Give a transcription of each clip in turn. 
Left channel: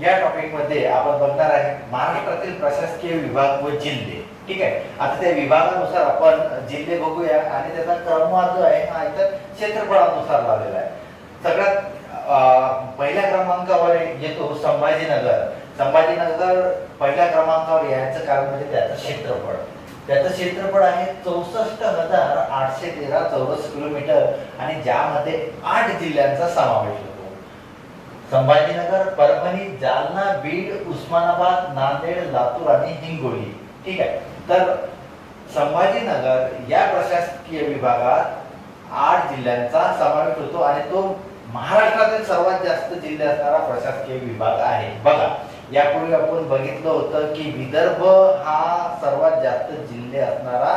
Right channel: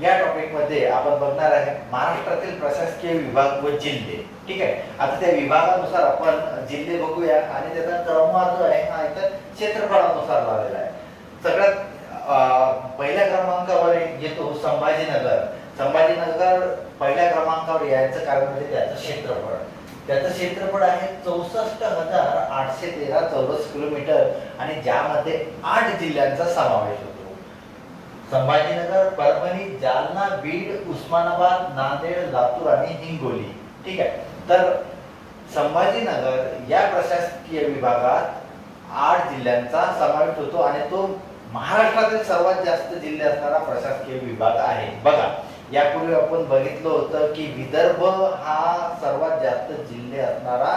या टॉपिक मध्ये आपण बघणार आहे महाराष्ट्रातील प्रशासकीय विभाग व जिल्हे। ठीक आहे, आता त्या विभागानुसार आपण जिल्हे बघूया आणि त्याचा क्रमवार जो आहे हा इथं क्षेत्रफळानुसार लावलेला आहे। सगळ्यात पहिल्या क्रमांकावर येतो संभाजीनगर। संभाजीनगर पहिल्या क्रमांकावर यायचं कारण म्हणजे त्याचं क्षेत्रफळ। त्याचं क्षेत्रफळ आहे 64,813 चौरस किलोमीटर आणि ज्यामध्ये 8 जिल्ह्यांचा समावेश होतो। संभाजीनगर, परभणी, जालना, बीड, उस्मानाबाद, नांदेड, लातूर आणि हिंगोली। ठीक आहे, तर संभाजीनगर या प्रशासकीय विभागात 8 जिल्ह्यांचा समावेश होतो आणि तो महाराष्ट्रातील सर्वात जास्त जिल्हे असणारा प्रशासकीय विभाग आहे। बघा, यापूर्वी आपण बघितलं होतं की विदर्भ हा सर्वात जास्त जिल्हे असणारा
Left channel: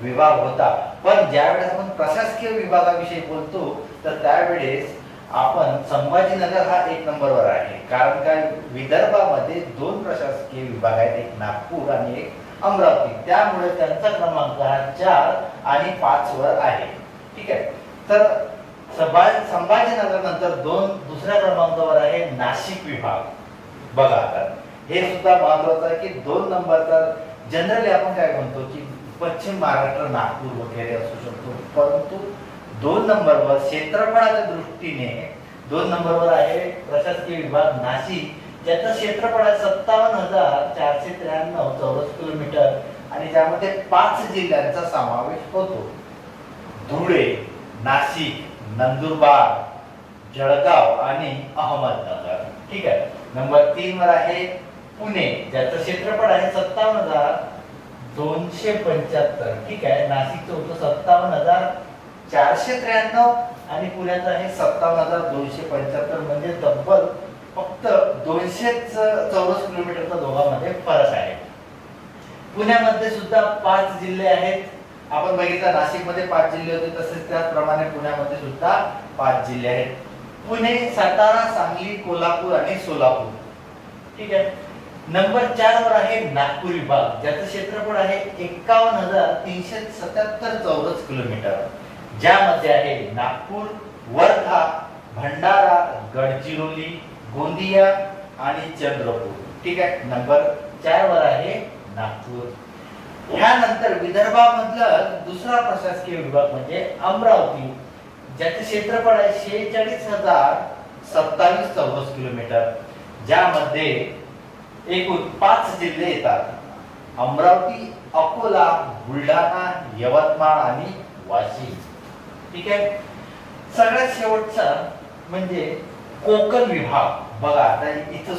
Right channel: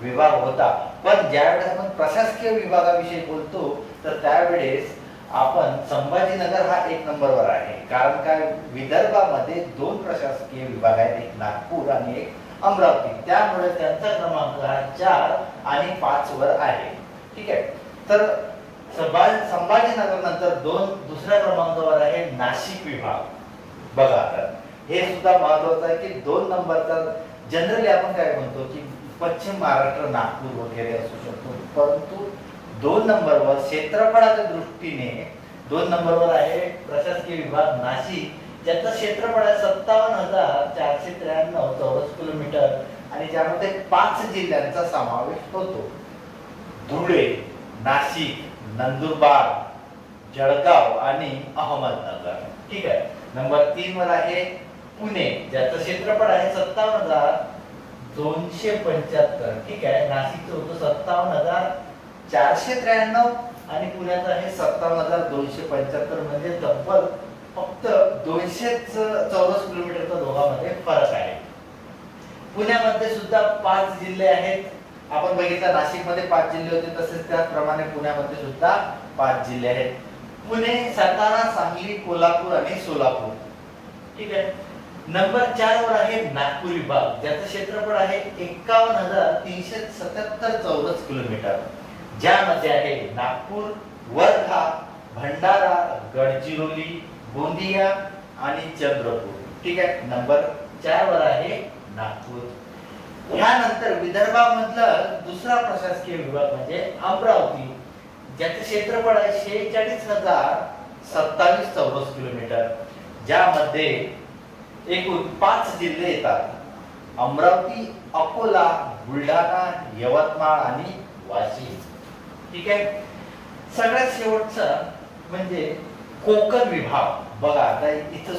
विभाग होता, पण ज्यावेळेस आपण प्रशासकीय विभागाविषयी बोलतो तर त्यावेळेस आपण संभाजीनगर हा 1 नंबरवर आहे। कारण काय, विदर्भामध्ये 2 प्रशासकीय विभाग आहेत, एक नागपूर आणि एक अमरावती, त्यामुळे त्यांचा क्रमांक हा 4 आणि 5 वर आहे। ठीक आहे, तर संभाजीनगर नंतर दुसऱ्या क्रमांकावर आहे नाशिक विभाग। बघा, आता हे सुद्धा महत्वाचं आहे की 2 नंबरचा जनरली आपण काय म्हणतो की पश्चिम महाराष्ट्र, नागपूर वगैरे असू शकतो, परंतु 2 नंबरवर क्षेत्रफळाच्या दृष्टीने 2 नंबरवर आहे प्रशासकीय विभाग नाशिक, ज्याचं क्षेत्रफळ आहे 57,493 चौरस किलोमीटर आणि ज्यामध्ये 5 जिल्ह्यांचा समावेश होतो। धुळे, नाशिक, नंदुरबार, जळगाव आणि अहमदनगर। ठीक आहे, नंबर 3 वर आहे पुणे, ज्याचं क्षेत्रफळ आहे 57,275। ठीक आहे, नाशिकचं होतं 57,493 आणि पुण्याचं आहे 57,275, म्हणजे तब्बल फक्त 200 चौरस किलोमीटरचा दोघांमध्ये फरक आहे। पुण्यामध्ये सुद्धा 5 जिल्हे आहेत। आपण बघितलं नाशिकमध्ये 5 जिल्हे होते, तसेच त्याचप्रमाणे पुण्यामध्ये सुद्धा 5 जिल्हे आहेत। पुणे, सातारा, सांगली, कोल्हापूर आणि सोलापूर। ठीक आहे, नंबर 4 वर आहे नागपूर विभाग, ज्याचं क्षेत्रफळ आहे 51,377 चौरस किलोमीटर, ज्यामध्ये आहे नागपूर, वर्धा, भंडारा, गडचिरोली, गोंदिया आणि चंद्रपूर। ठीक आहे, नंबर 4 वर आहे नागपूर। ह्यानंतर विदर्भामधला दुसरा प्रशासकीय विभाग म्हणजे अमरावती, ज्याचे क्षेत्रफळ आहे 46,027 चौरस किलोमीटर, ज्यामध्ये एकूण 5 जिल्हे येतात: अमरावती, अकोला, बुलढाणा, यवतमाळ आणि वाशिम। ठीक आहे, सगळ्यात शेवटचा म्हणजे कोकण विभाग। बघा, आता इथं